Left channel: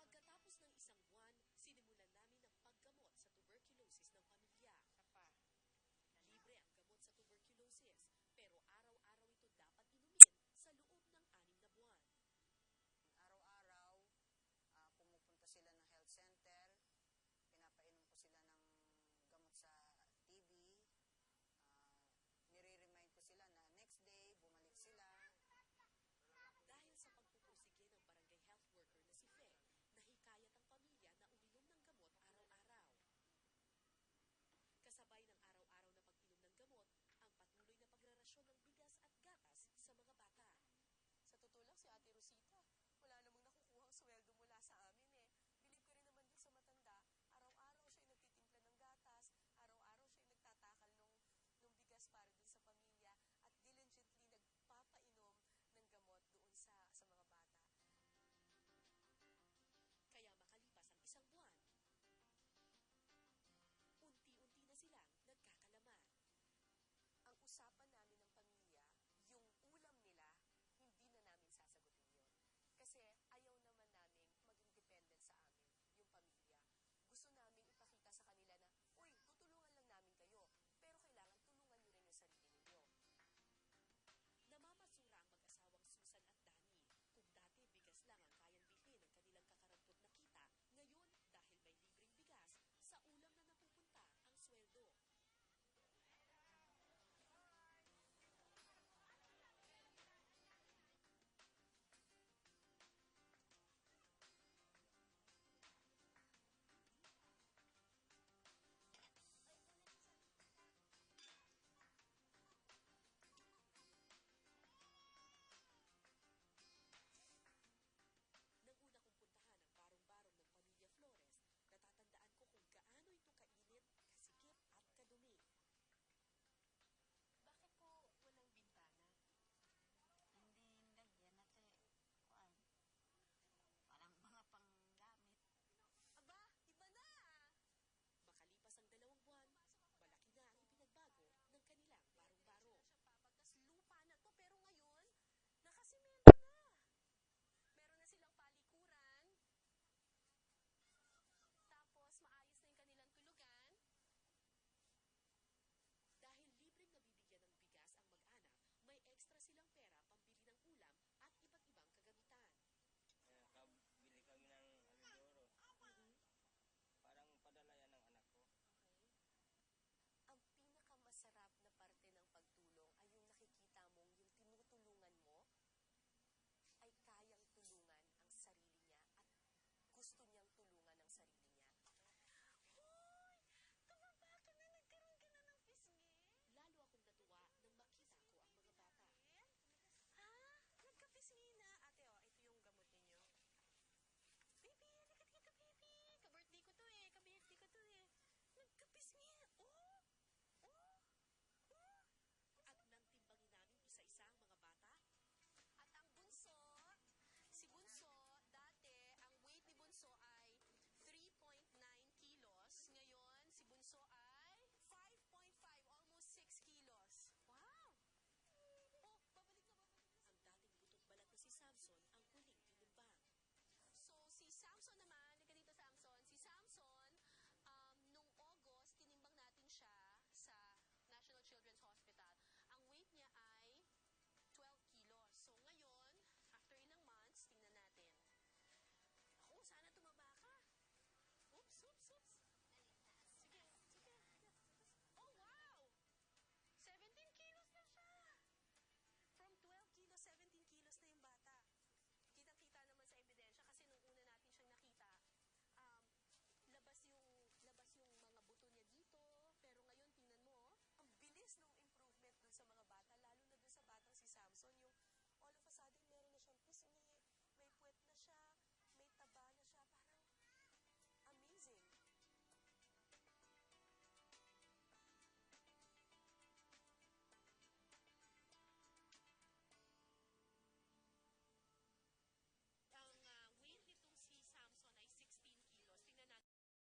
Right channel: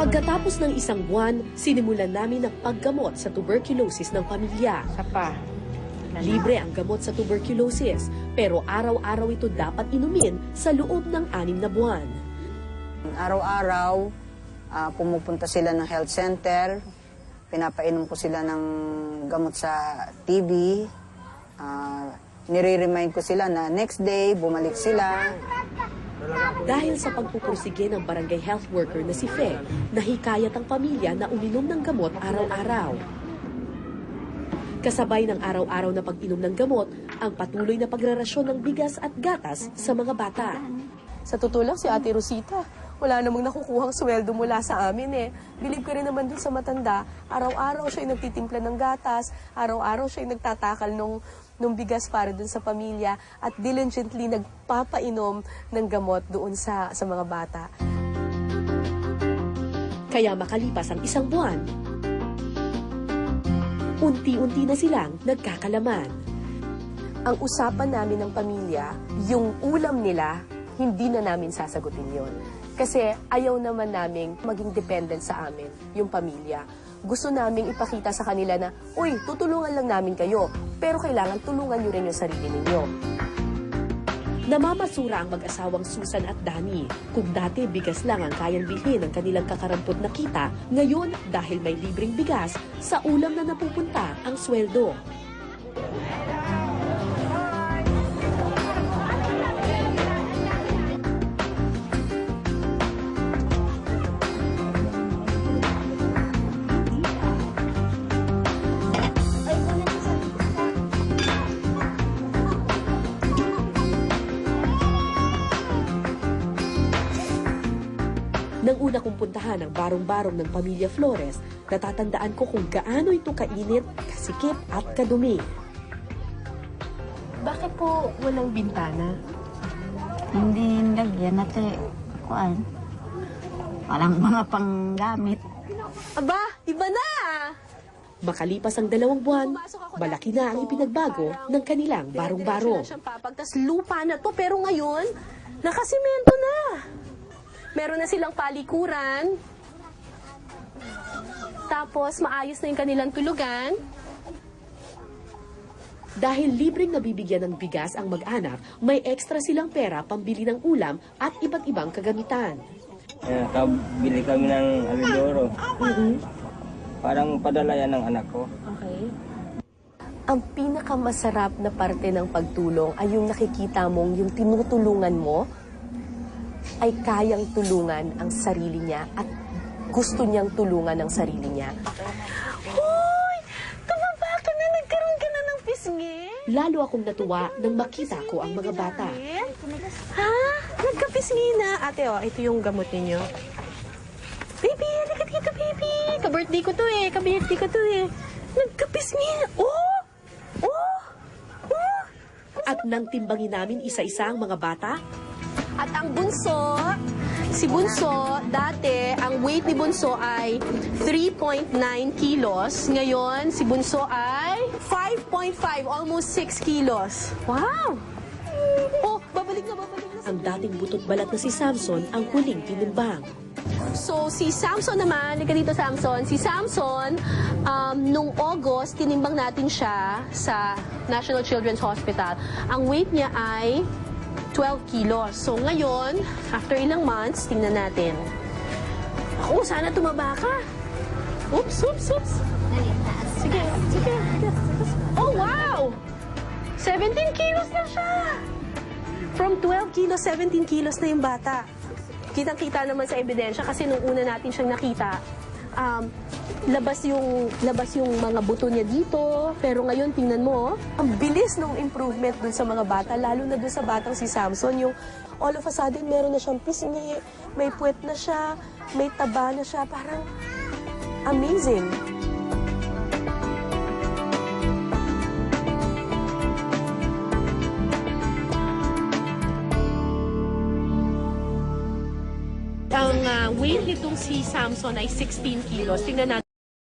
Pagkatapos ng isang buwan, sinimulan namin ang paggamot sa tuberculosis ng pamilya. Libre ang gamot sa tuberculosis, pero araw-araw ito dapat inumin sa loob ng 6 na buwan. Araw-araw, pumupunta sila ng health center, pinapainom ko sila ng gamot sa TB, nire-remind ko sila na next day, bumalik sila. Dahil sa pagpupursige ng barangay health worker na si Fe, nahikayat ang pamilya na uminom ng gamot araw-araw. Kasabay ng araw-araw na pag-inom ng gamot, ang patuloy na pagrarasyon ng bigas at gatas sa mga bata. Sa totoo lang, si Ate Rosita, wala namang nakukuhang sweldo mula sa amin eh. Bilib ka rin naman dun sa matanda, araw-araw siya nagtitimpla ng gatas, araw-araw siya nagtatakal nung bigas para dun sa pamilya at diligently nagpapainom ng gamot doon sa mga bata. Kaya makalipas ang 1 buwan, unti-unti na silang nagkakalaman. Ang usapan namin ng pamilya, yung ulam nila, hindi na namin sasagutin yon. Kasi ayaw naman naming maging dependent sa amin, yung pamilya. Gusto naming ipakita sa kanila na, uy, tutulungan lang namin kayo, pero kailangan tulungan nyo rin yung sarili ninyo. Namamasura ang mag-asawang Susan at Danny. Kung dati bigas lang ang kayang bilhin ng kanilang kakarampot na kita, ngayon dahil may libreng bigas, sa ulam na napupunta ang sweldo. Nang una kong puntahan ang barong-barong ng pamilya Flores, natatandaan ko kung gaano ito kainit, kasikip at kadumi. Bakit po walang bintana? Hindi lagyan at kuan. Walang mga panggamit. Aba, iba na! Makalipas ang 2 buwan, malaki na ang ipinagbago ng kanilang barong-barong. Tapos lupa na to, pero ngayon, nakasimento na. Meron na silang palikuran. Tapos maayos na yung kanilang tulugan. Dahil libreng nabibigyan ng bigas ang mag-anak, may extra silang pera pambili ng ulam at iba't ibang kagamitan. Kabili kami ng alidoro. Parang padala yan ng anak ko. Okay. Ang pinakamasarap na parte ng pagtulong ay yung nakikita mong yung tinutulungan mo ay kayang tulungan ang sarili niya at gusto niyang tulungan ang sarili niya. Hoy! Tumaba ka na! Nagkaroon ka na ng pisngi! Lalo akong natuwa nang makita ko ang mga bata. Ha? Nagkapisngi na? Ate, ito yung gamot ninyo. Baby, halika dito, baby! Ka-birthday ko to eh. Ka-birthday ko to eh. Nagkapisngi na. Oh! Oh! Oh! At nang timbangin namin isa-isa ang mga bata, at ang bunso, si Bunso, dati, ang weight ni Bunso ay 3.9 kilos. Ngayon, si Bunso ay 5.5, almost 6 kilos. Wow! Oh, babalik na. ang dating butot balat na si Samson ang huling tinimbang. So, si Samson naman, halika dito Samson, si Samson, nung August, tinimbang natin siya sa National Children's Hospital. Ang weight niya ay 12 kilos. So ngayon, after ilang months, tingnan natin. Ako, sana tumaba ka. Oops. Sige. Oh, wow! 17 kilos na siya! From 12 kilos, 17 kilos na yung bata. Kitang-kita naman sa ebidensya kasi nung una natin siyang nakita, labas yung mga buto niya dito. Pero ngayon, tingnan mo, ang bilis ng improvement dun sa mga bata, lalo na dun sa batang si Samson. Yung all of a sudden, meron na siyang pisngi, may puwet na siya, may taba na siya. Parang amazing. Ang weight nitong si Samson ay 16 kilos. Tingnan natin.